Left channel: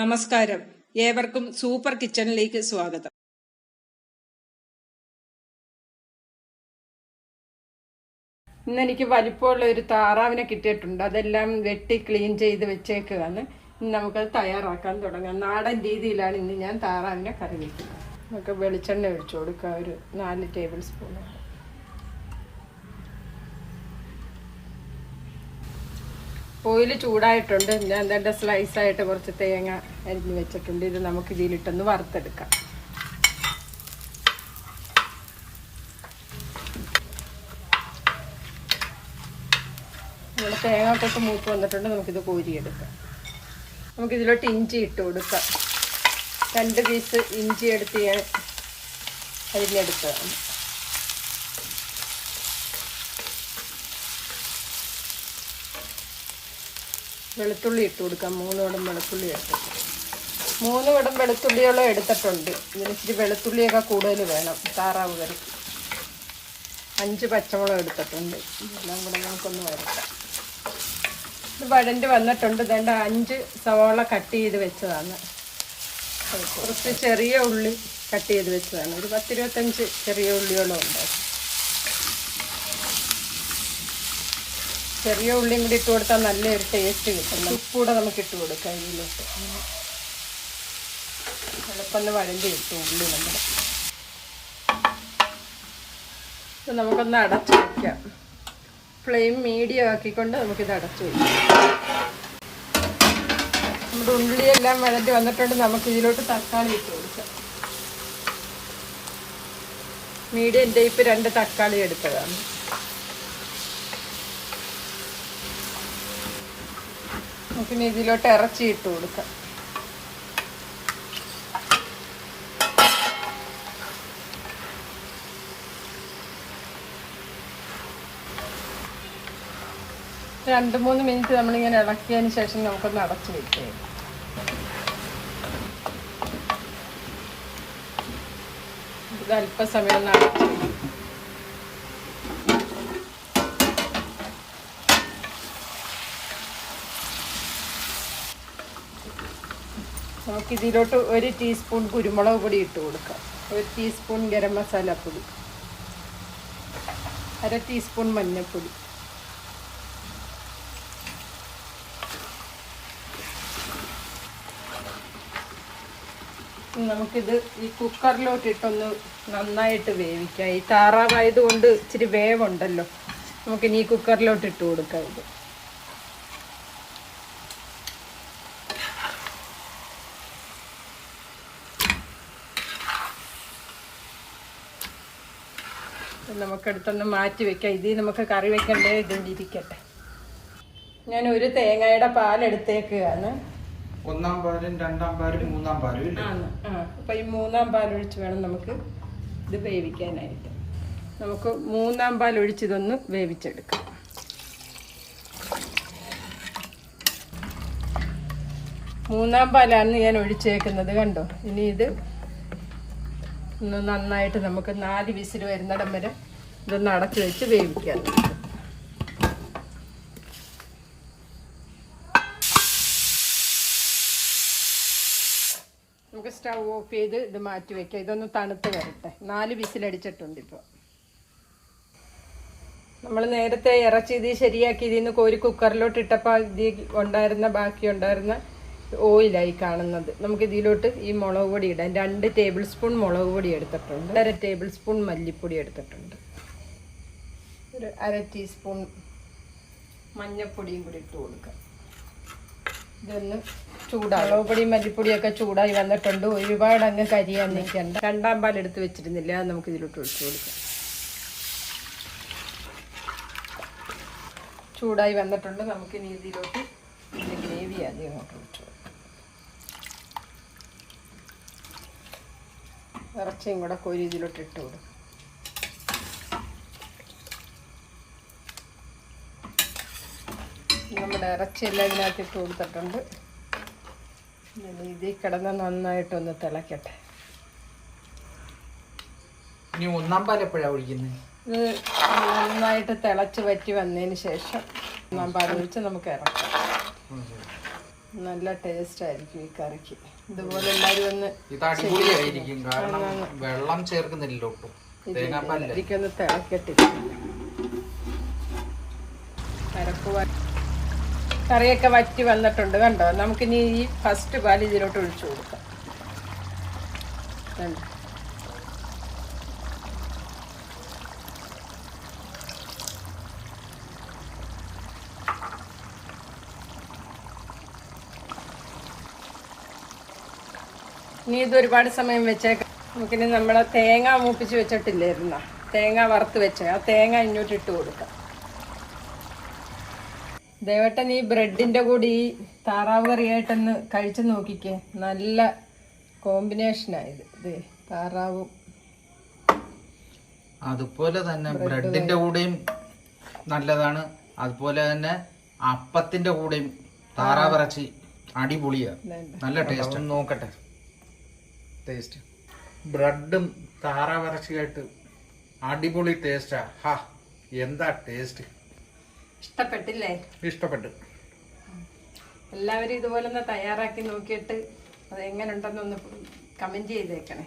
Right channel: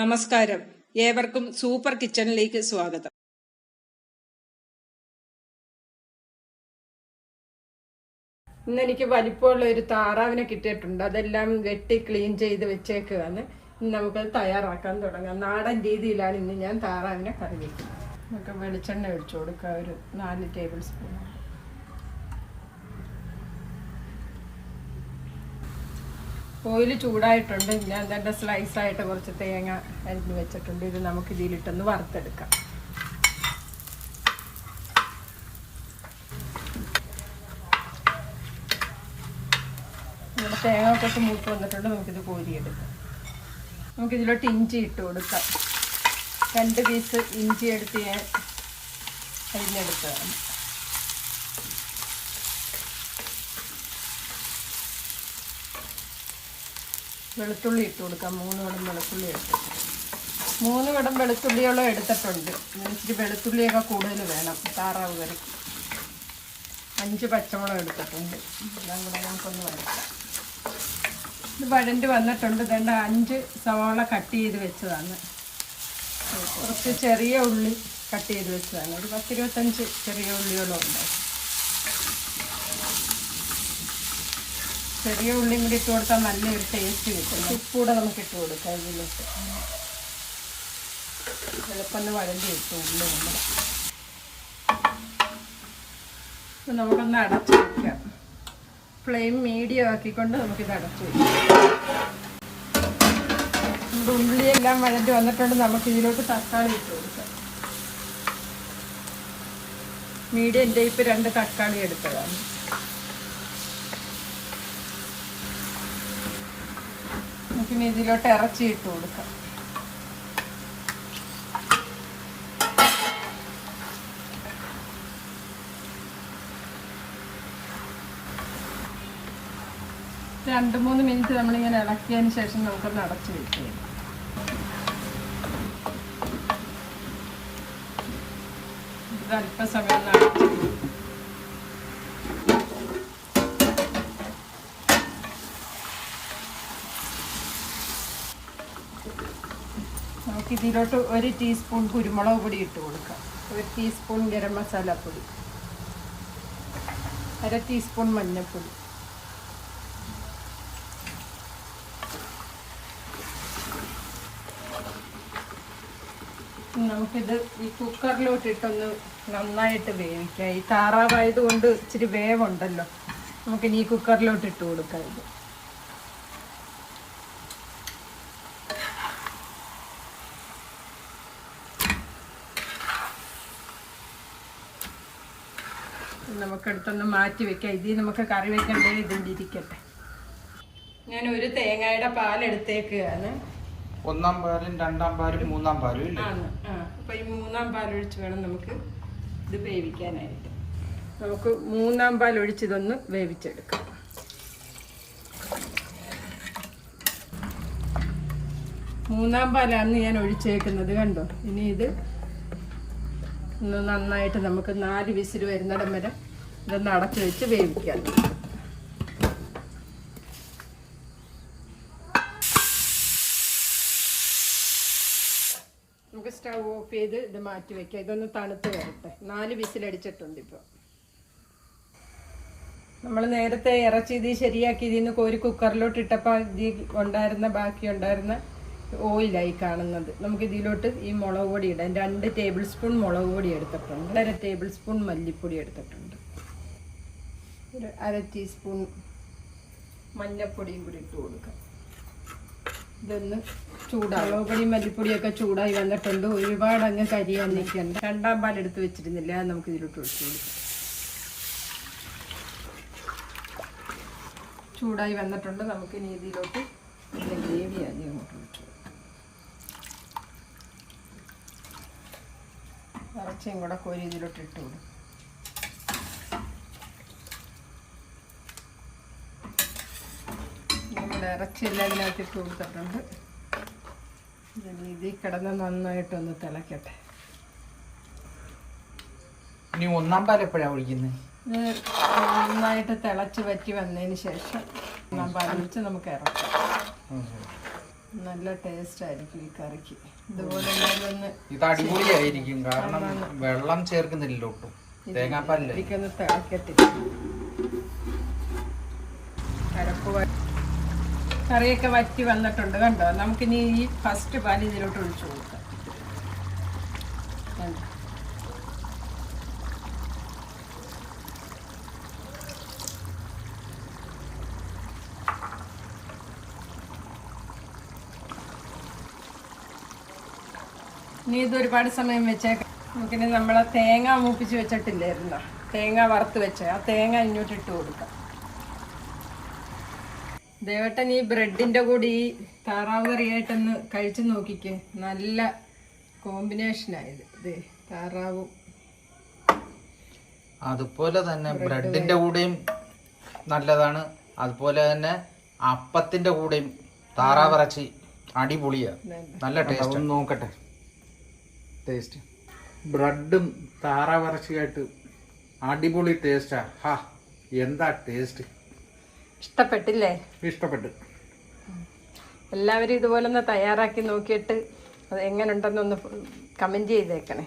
നമസ്കാരം, ഏവർക്കും സൂപ്പർ കിച്ചണിലേക്ക് സ്വാഗതം. ഇന്നെനിക്ക് വലിപ്പമുള്ള ഒരു താറാവിനെ കിട്ടിയിട്ടുണ്ട്. അതെല്ലാം വെട്ടി ക്ലീൻ ചെയ്ത് വെച്ചേക്കുകയാണ്. ഇന്ന് നമുക്കത് തയ്യാറാക്കാൻ തുടങ്ങാം. നാടൻ രീതിയിലാണ് ഇന്ന് ഞാൻ താറാവിനെ കറി വയ്ക്കുന്നത്. നമുക്ക് വെളിച്ചെണ്ണ ഒഴിച്ചു കൊടുക്കാം, ഒരു 4 ടേബിൾ സ്പൂൺ. ഓയിൽ ചൂടായിട്ടുണ്ട്. ഞാൻ തന്നെ സ്ലൈസായിട്ട് കുറച്ച് തേങ്ങ അരിഞ്ഞ് വെച്ചിട്ടുണ്ട്. ഇത് നമുക്ക് ഇതിലിട്ടൊന്ന് വറുത്തെടുക്കാം. നമ്മുടെ തേങ്ങ തൊട്ട് മൂത്ത് വന്നിട്ടുണ്ട്. നമുക്കിത് കോരിയെടുക്കാം. നമുക്കിതിലോട്ട് ഇഞ്ചി ഇട്ട് കൊടുക്കാം. 2 പീസ് ഇഞ്ചി എടുത്ത് ഞാൻ അരിഞ്ഞെടുത്തതാണ്. വെളുത്തുള്ളി ഇട്ട് കൊടുക്കാം. 3 കുടം വെളുത്തുള്ളി എടുത്തിട്ട് 3 കുടം വെളുത്തുള്ളിയോളം എടുത്തിട്ടുണ്ട്. ഇതിനിച്ചിരി വെളുത്തുള്ളിയൊക്കെ കൂടുതൽ വേണം താറാവ് കറി. 5 പച്ചമുളക് എടുത്തിട്ടുണ്ട്. എല്ലാം കൂടെ നമുക്കൊന്ന് വരക്കാം. ഇത് വഴണ്ടി വന്നിട്ടുണ്ട്. 5 സവാള കട്ട് ചെയ്ത് വെച്ചതാണ്. കുറച്ച് ചെറിയ ഉള്ളി കട്ട് ചെയ്ത് വെച്ചതാണ്. ഒരു 10-25 ചെറിയ ഉള്ളിയോളം ഉണ്ടാകും. ചെറിയ ഉള്ളിയും കൂടി ഇട്ട് കൊടുത്താൽ നല്ലൊരു ടേസ്റ്റ് കിട്ടും. ഉപ്പൂടെ നമുക്ക് ഇട്ട് കൊടുക്കാം. ഇതിലോട്ട് എളുപ്പം വഴണ്ടി ഇട്ടു ഉള്ളി നമുക്കൊന്ന് അടച്ചു വയ്ക്കാം. ഫ്ലെയിം മീഡിയം ആക്കിക്കൊണ്ട് നമുക്കിത് അടച്ചു വയ്ക്കാം. നമ്മുടെ ഉള്ളിയെല്ലാം വഴണ്ടി വന്നിട്ടുണ്ട്. നമുക്ക് ഇതിലോട്ട് തക്കാളി ഇട്ട് കൊടുക്കാം. മീഡിയം ടൈപ്പ് 2 തക്കാളി എടുത്തതാണ്. പിന്നെ ഇതിലോട്ട് ഇറച്ചി ഇട്ട് കൊടുക്കാം. രണ്ട് 3 മിനിറ്റ് നമ്മളിങ്ങനെ ഇളക്കിയതിന് ശേഷം നമുക്കൊന്ന് അടച്ചു വെക്കാം. ഇത് അല്പസമയം ഒന്ന് അടച്ചു. നമുക്കിതിലോട്ട് 1 ടീസ്പൂൺ കുരുമുളക് പൊടി ഇട്ട് കൊടുക്കാം. 1 ടീസ്പൂൺ ഗരം മസാല പൊടി, 1/2 ടീസ്പൂൺ മഞ്ഞൾപ്പൊടി, നമുക്കിത് ഈ കുക്കറിലോട്ട് ഇട്ടൊന്ന് നന്നായിട്ട് വേവിക്കാം. ഈ താറാവായതുകൊണ്ട് ഇച്ചിരി വേവുണ്ടല്ലോ. നമുക്കിനി ഈ കുക്കറിലോട്ട് ഇട്ട് കൊടുക്കാം. ഇത് നമുക്കെടുത്തൊന്ന് മാറ്റി വെക്കാം. ഇതിൽ നമുക്ക് കറി വെക്കണ്ടേ, ഇരിക്കട്ടെ. ഞാൻ 1 തേങ്ങയുടെ പാലെടുത്തേക്കുകയാണ്. 1-ാം പാലും 2-ാം പാലും 3-ാം പാലും ആണ്. അപ്പം ഈ 3-ാം പാലൊഴിച്ച് വേണം നമുക്ക് ഇത് വേവിക്കാനായിട്ട്. നമുക്ക് 3-ാം പാലൊഴിച്ച് ഇതൊന്ന് വേവിച്ചെടുക്കാം. മൂന്നാം പാലാണ് ഞാൻ ഒഴിച്ചേക്കുന്നത്, കണ്ടോ. ഇനി ഇത് ഒന്ന് നന്നായിട്ട് നമുക്ക് 4 വിസിൽ വരുന്നിടം വരെ ഇതൊന്ന് അടച്ചു വെച്ച് വേവിക്കാം. നമുക്ക് സ്റ്റൗ ഓഫ് ചെയ്ത് ഇത് മാറ്റി വെക്കാം. ഇതൊന്ന് തണുത്ത് വരട്ടെ. 4 വിസിലടിച്ചിട്ടുണ്ട്. ഇപ്പോൾ നമ്മൾ നേരത്തെ ഇറച്ചി ഇത് ശരിയാക്കി ഇതിൽ നിന്ന് കോരി കുക്കറിലോട്ട് ഇട്ടപ്പോൾ ഇതിൽ ബാക്കി ഉണ്ടായിരുന്ന ഓയിലായി കാണുന്നത്. നമുക്ക് ഇതിലോട്ട് ഈ മുളക് പൊടി ഇടാം. 2 ടേബിൾ സ്പൂൺ മുളക് പൊടി എടുത്തിട്ടുണ്ട്. 1/2 ടേബിൾ സ്പൂൺ മല്ലിപ്പൊടി എടുത്തിട്ടുണ്ട്. ഒരു 1/2 ടീസ്പൂൺ മഞ്ഞൾപ്പൊടിയും കൂടി ഇട്ട് കൊടുക്കാം. ഇതൊന്ന് ചൂടായി. മുളക് പൊടി മല്ലിപ്പൊടിയൊക്കെ ചൂടായി വന്നിട്ടുണ്ട്. ഒരുപാട് അങ്ങ് കരിയാൻ നിൽക്കണ്ട. 2-ാം പാൽ എടുത്ത് വെച്ചിരുന്നില്ല, അത് നമുക്ക് ഇതിലോട്ട് ഒഴിച്ചു കൊടുക്കാം. ചൂടായി വന്നിട്ടുണ്ട്. നമുക്കിനി ഇതിലോട്ട് ഇതിൻ്റെ ഗ്രേവി ആദ്യം അങ്ങോട്ട് ഒഴിച്ചു കൊടുക്കാം. ഇറച്ചിയും കൂടെ കോരി ഇതിലോട്ട് ഇട്ട് കൊടുക്കും. നമ്മുടെ ഇറച്ചിയെല്ലാം ഇതിനകത്ത് ഇട്ട് കൊടുത്തിട്ടുണ്ട്. ഇതിൽ കിടന്ന് നന്നായിട്ടൊന്ന് തിളക്കട്ടെ. ഇനി 1-ാം പാൽ എപ്പോഴാണ് ഒഴിക്കുന്നത്? ഇത് നന്നായിട്ട് തിളച്ച് വറ്റി വന്നതിന് ശേഷം 1-ാം പാൽ ഒഴിച്ച് നമുക്ക് ഇറക്കാം. നല്ല ടേസ്റ്റ് ആയിരിക്കും ഈ കറിക്ക്. ഇതുപോലെ എല്ലാവരും ഒന്ന് ഇത് അടിപൊളിയായിരിക്കും, കാരണം വെള്ളം ചേർക്കുന്നില്ലല്ലോ ഒട്ടും, തേങ്ങാപ്പാലില്ല. ഒന്ന് തിളക്കട്ടെ. കറിയൊക്കെ വറ്റി വന്നിട്ടുണ്ട് കണ്ടോ. നമുക്കിനി ഈ ഫസ്റ്റ് പാൽ ഇതിലോട്ട് ഒഴിച്ചു കൊടുക്കാം. കണ്ടോ, ഇനി ഇത് ഒരുപാട് സമയം വെച്ചേക്കാം. നമുക്കിനി നമ്മളെ തേങ്ങ മൂപ്പിച്ച് വെച്ചിട്ടില്ലായിരുന്നോ, തേങ്ങ വറുത്ത് വെച്ച ആ തേങ്ങ ഇങ്ങോട്ട് ഇട്ട് കൊടുക്കാം. ദേവട്ടൻ ഈ ബ്രെഡിന്റെ കൂടി ഈ താറാവ് കറിയായിട്ടൊന്ന് കഴിച്ചു നോക്കിക്കേ. നല്ല കോമ്പിനേഷനായത്. ഇത് താറാവും അതുപോലെ തന്നെ ബ്രെഡിന്റെ കൂടെയും നല്ലതാണ്, അതുപോലെ തന്നെ അപ്പത്തിന്റെ കൂടെയും താറാവിറച്ചി അടിപൊളിയാ, നല്ല ടേസ്റ്റ്. ഒന്ന് നോക്കട്ടെ ടേസ്റ്റ്. ബ്രെഡും താറാവിറച്ചിയായിട്ട് അടിപൊളി ടേസ്റ്റാ. ഹാ, എന്താ ടേസ്റ്റ്. ഇഷ്ടപ്പെട്ടില്ലേ? ഇഷ്ടപ്പെട്ടു. എല്ലാവരും ഇതുപോലെ ഒന്ന് തയ്യാറാക്കി നോക്കിയിട്ട് അത് എങ്ങനെ ഉണ്ടെന്നൊന്ന് കമന്റ് ചെയ്തേക്കണേ.